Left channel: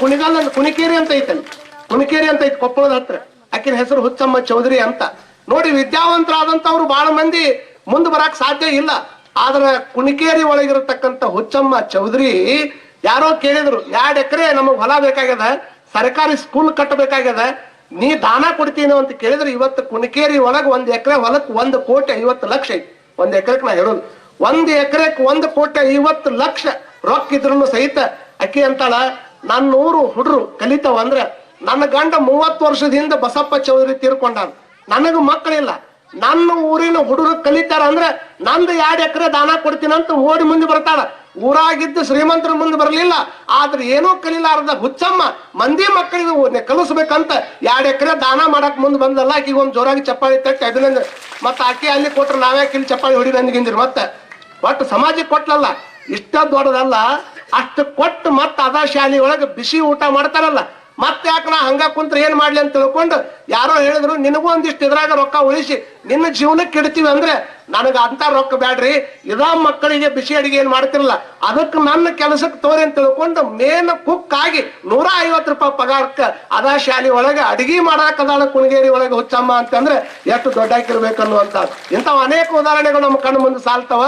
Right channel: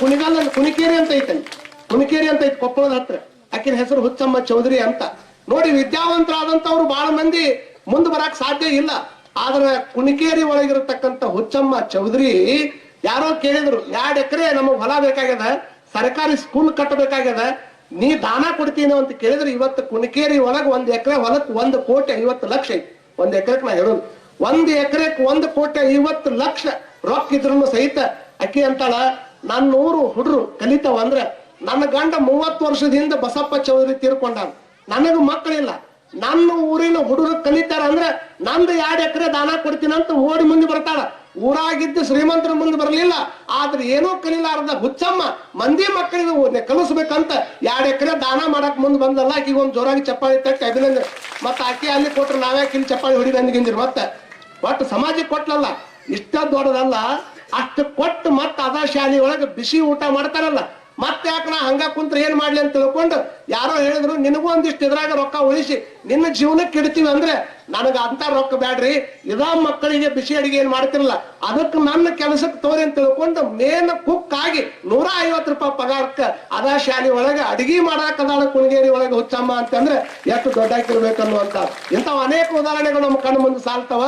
ಕುಣಿಗಲ್ ಕುಣಿಕೇರಿ ಅಂತ ಐತಲ್ಲಿ. ಕುಣಿಕೇರಿ ಅಂತ ಐತಿ ಕೊಪ್ಪಳದ ಹತ್ರ. ಆಕಿನ ಹೆಸರು ಹುಚ್ಚಮ್ಮ ಚೌಧರಿ ಅಂತ. ನೋಡಿ ವಿದ್ಯಾವಂತರಾದಂತವ್ರು ಬಹಳ ಮಂದಿ ಮುಂದೆ ಬರಕ್ ಸಾಧ್ಯ ಇಲ್ಲ. ಆದ್ರೆ ಕುಣಿಕೇರಿ ಒಳಗಿರತಕ್ಕಂತ ಹುಚ್ಚಮ್ಮ ಚೌಧರಿ ಯಾರೋ ಕೇಳಿದ್ರು ಎರಡ್ ಎಕರೆ ನಮಗ್ ಹೊಲ ಬೇಕಾಗ್ಯದ? ಸರ್ಕಾರಿ ಸ್ಕೂಲ್ ಕಟ್ಟಬೇಕಾಗ್ಯದ? ನೀ ದಾನ ಕೊಡ್ತೀನಿ? ಅಂತ ಕೇಳಿದ್ರೆ. ಇವತ್ತು ಕುಣಿಕೇರಿ ಒಳಗ್ ಒಂದ್ ಎಕರೆ ಹೊಲಕ್ ಒಂದ್ ಕೋಟಿ ಐವತ್ತು ಲಕ್ಷ ಐತಿ. ಒಂದ್ ಎಕರೆಕ್ ನಾ ಹೇಳೋದು. ಒಂದ್ ಎಕರೆಕ್ ಒಂದ್ ಕೋಟಿ ಐವತ್ತು ಲಕ್ಷ ರೊಕ್ಕ ಇದ್ರು ಸಹಿತ ಅಕ್ಕಿ ಅಂತಾಳ ನನ್ನ ಊರು ಹುಡ್ರು ಕಲಿತಾವ ಅಂದ್ರೆ ನನ್ನ ಗಂಡ ಮೂವತ್ತು ವರ್ಷದಿಂದ ಬಸಪ್ಪ ಚೌಧರಿ ತೀರ್ಕೊಂಡಾನ. ನನಗ ಮಕ್ಕಳಿಲ್ಲ. ನನ್ನ ಊರಿನ ಹುಡುಗರು ಕಲಿತಾರ ಅಂದ್ರೆ ನಂದು ಎರಡು ಎಕರೆ ದಾನ ಕೊಡ್ತೀನಂತ ಓಡಿ ಮುಂದೆ ಬರ್ತಾಳ. ಊರಾಗಿದ್ದು ಶ್ರೀಮಂತರ ಮುಂದೆ ಬರಲಿಲ್ಲ. ಆದ್ರೆ ಏನೂ ಕಲಿಲಾರದ ಹುಚ್ಚಮ್ಮ ಮಂದಿ ಮಕ್ಕಳಿಗೆ ಕಲಿಸ್ಬೇಕಂತ ಎರಡು ಎಕರೆ ದಾನ ಮಾಡಕ್ ಮುಂದೆ ಬಂದಲ್ಲ. ಈಗ ಒಂದು ಜೋರಾಗಿ ಚಪ್ಪಾಳಿ ತಟ್ಟಿ ಅಭಿನಂದನೆ. ಮತ್ತೆ ಆಕೆ ಅಲ್ಲಿ ಕೊಟ್ರೆ ನಾವೇ ಇಲ್ಲಿ ಚಪ್ಪಾಳಿ ಹೊಡಿ ನಂದಿಗಿಂದಿರಿ ಮತ್ತೆ. ಒಟ್ಟು ಸಮಾಜಕ್ಕೆ ಕೊಟ್ಲಲ್ಲ. ಇಷ್ಟ ದೊಡ್ಡದಲ್ಲ. ಅಷ್ಟು ಕೊಟ್ಟು ಮತ್ತೆ ಅದ ಶಾಲೆ ಒಳಗೆ ಬಿಸಿ ಊಟ ಮಾಡ್ತಾರಲ್ಲ, ಮತ್ತೆ ಯಾಕೆ ನಾ ಹಂಗ ಕುಂತ್ರೆ ಏನ್ ಮಾಡ್ಲಿ ಅಂತ ತಿಳ್ಕೊಂಡು ಯಾರೋ ಹೇಳಿದ್ರು, ನಿನಗೂ ಒಂದಿಷ್ಟು ಇದ್ರಾಗ ರೊಕ್ಕ ಉಳಿಸಿ, ನಿನ್ನ ಜೀವನಕ್ಕೆ ಇಡ್ತೀವಿ ಅಂದ್ರೆ ನನಗ ಅಂತ ರೊಕ್ಕ ಬ್ಯಾಡ್ರಿ, ಇದ ಮಕ್ಕಳಿಗೆ ಬಿಸಿ ಅಡಿಗೆ ಏನ್ ಮಾಡ್ತಿರಲ್ಲ ಅದಕ್ಕೆ ನನ್ನ ಕೆಲಸಕ್ಕೆ ತೋರಿ ಅಂತ ತಿಳ್ಕೊಂಡು ಮೇನ್ ಕುಕ್ ಆಗಿ ನೂರ ಐವತ್ತು ರೂಪಾಯಿ ಪಗಾರಕ್ಕೆ ಅದ ಶಾಲೆ ಒಳಗೆ ಅಡಿಗೆ ಮಾಡಾಕದಾಳ ಕುಣಗೇರಿ ಒಳಗೆ ಹುಚ್ಚಮ್ಮ ಅಂತಂದ್ರೆ ಎಷ್ಟು ದೊಡ್ಡ ಅನ್ನುವಂತ ಇಂಥವ್ ಅನೇಕ ಉದಾಹರಣೆಗಳು ನಮ್ಮ ಕಣ್ಣು ಮುಂದೆ ಸಾಲ್ತಾವ.